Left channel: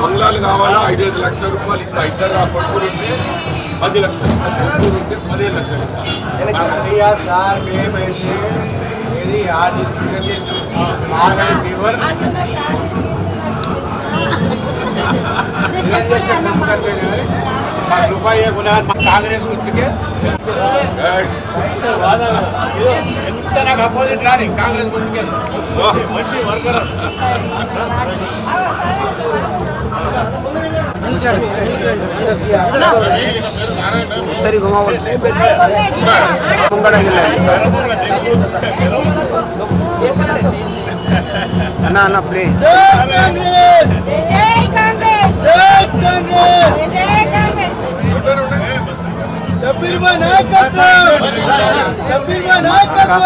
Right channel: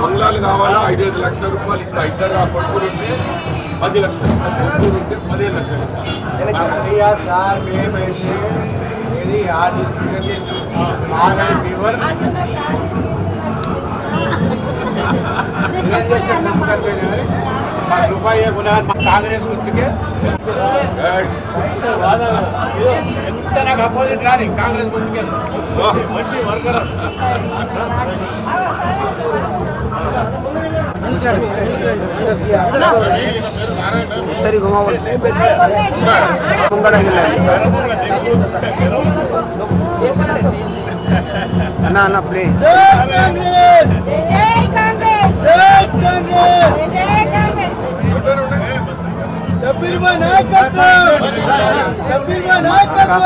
బంగ్లాలు కావాలా 5-5 లక్షల రూపాయలు ఇస్తా. ఇద్దరు కొడుకులు ఉంటే 10 లక్షలు ఇస్తా. కొడుకులు ఉంటే 15 లక్షలు ఇస్తా. సార్ మేమైతే ఇది ఆ డిస్ట్రిక్ట్ ఫీవర్ రూపాయి కాంగ్రెస్ గుర్తుకే ఎంత నాకు అపోజిట్ రాని కాంగ్రెస్ గుర్తుకే మంచి వర్కర్ सरी घुमाओ ना ना प्लीज जय कांग्रेस जय कांग्रेस जय कांग्रेस शब्बीर भाई नायकत्व शब्बीर भाई नायकत्व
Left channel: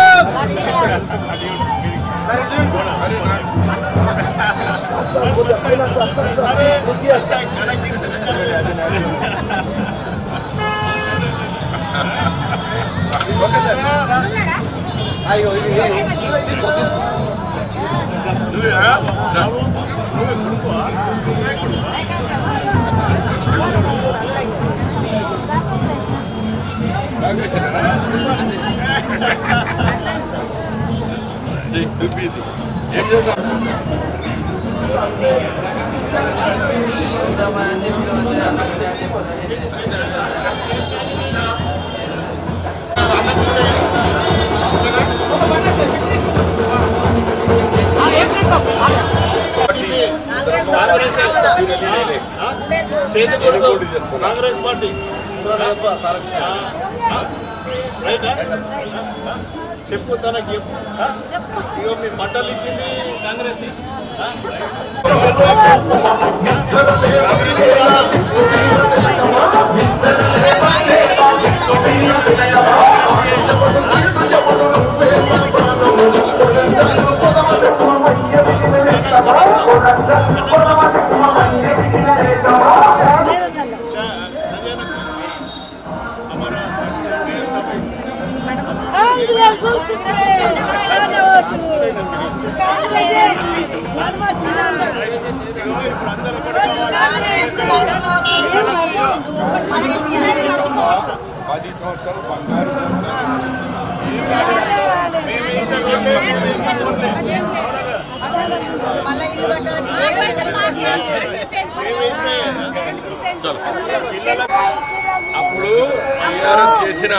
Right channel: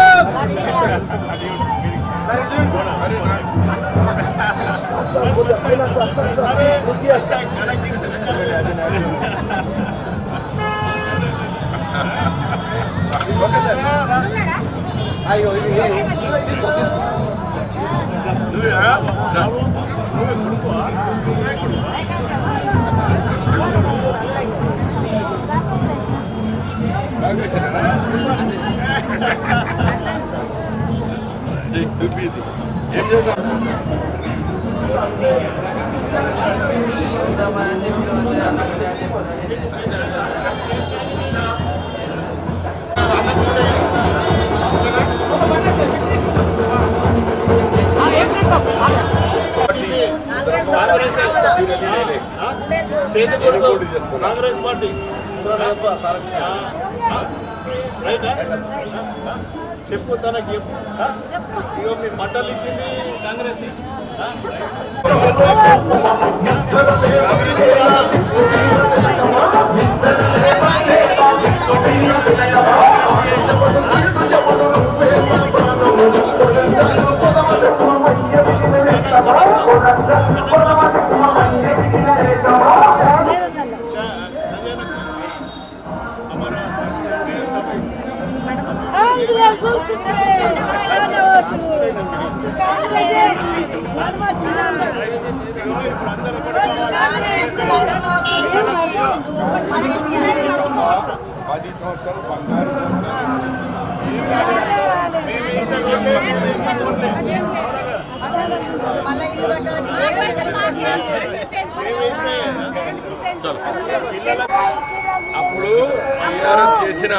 కాంగ్రెస్ పార్టీ చెప్పు తనకి చెప్పు మీ మండలి ఇచ్చింది కాంగ్రెస్ అప్పుడు టీఆర్ఎస్ చేసిన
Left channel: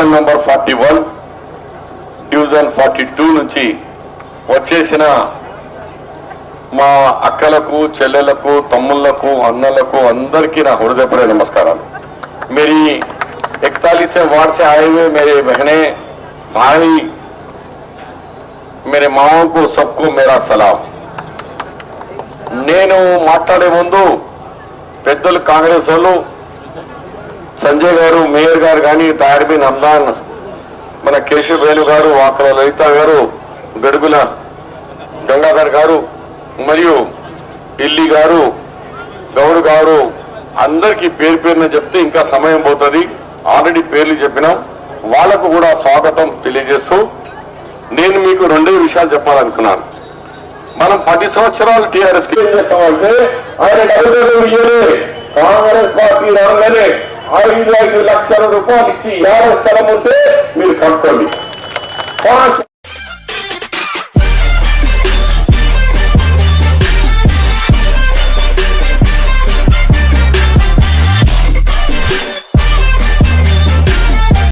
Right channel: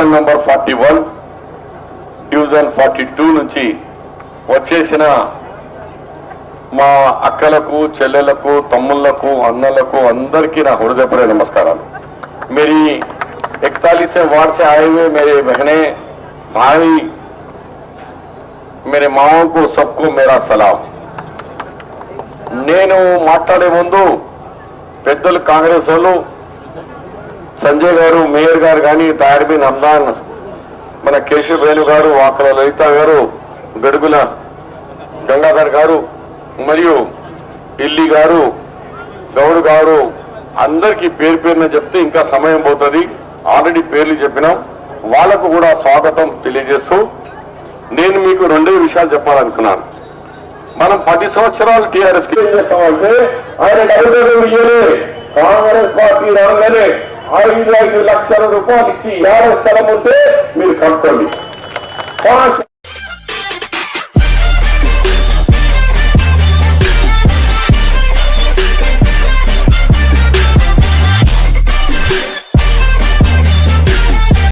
డివిజన్ నంబర్ 41, డివిజన్ 42 నుంచి వచ్చేసిన మా అక్కలకు, చెల్లెలకు, తమ్ముళ్లకు, అన్నలకు అందరికీ నా హృదయపూర్వక నమస్కారాలు. मेरी 41वें वार्ड से आए हुए मेरे बहने भाई, मेरे माओं को सबको मेरा सलाम. నేను మాట్లాడే ముందు పెద్దలు కాంగ్రెస్ వాళ్ళు సంజయ్ గారు, మేయర్ గారు కానీ, తాడిబిన్ హమ్దాన్, మన కేశవ్ వేణు గారు, వాకల లలిత గారు, గడుగుల గంగాధర్ గారు మరియు ఇల్లి గారు, గౌడ్ గారు అందరికీ పేరు పేరున చెప్తే ఇంకా సమయం పోతుంది. ఆల్రెడీ పేర్లు చెప్పినాం. వాళ్లకు కూడా స్వాగతం తెలియజేస్తూ నేను మీకు 2 విషయాలు చెప్పాలనుకున్నాను. మనం 10 సంవత్సరాలు టీఆర్ఎస్ కి ఏం చేస్తామంటే ఆయన కాంగ్రెస్ పార్టీ రాగానే 5 లక్షల రూపాయలు ఇచ్చి 50 స్థలం ఉంటే మీరు కట్టుకోండి.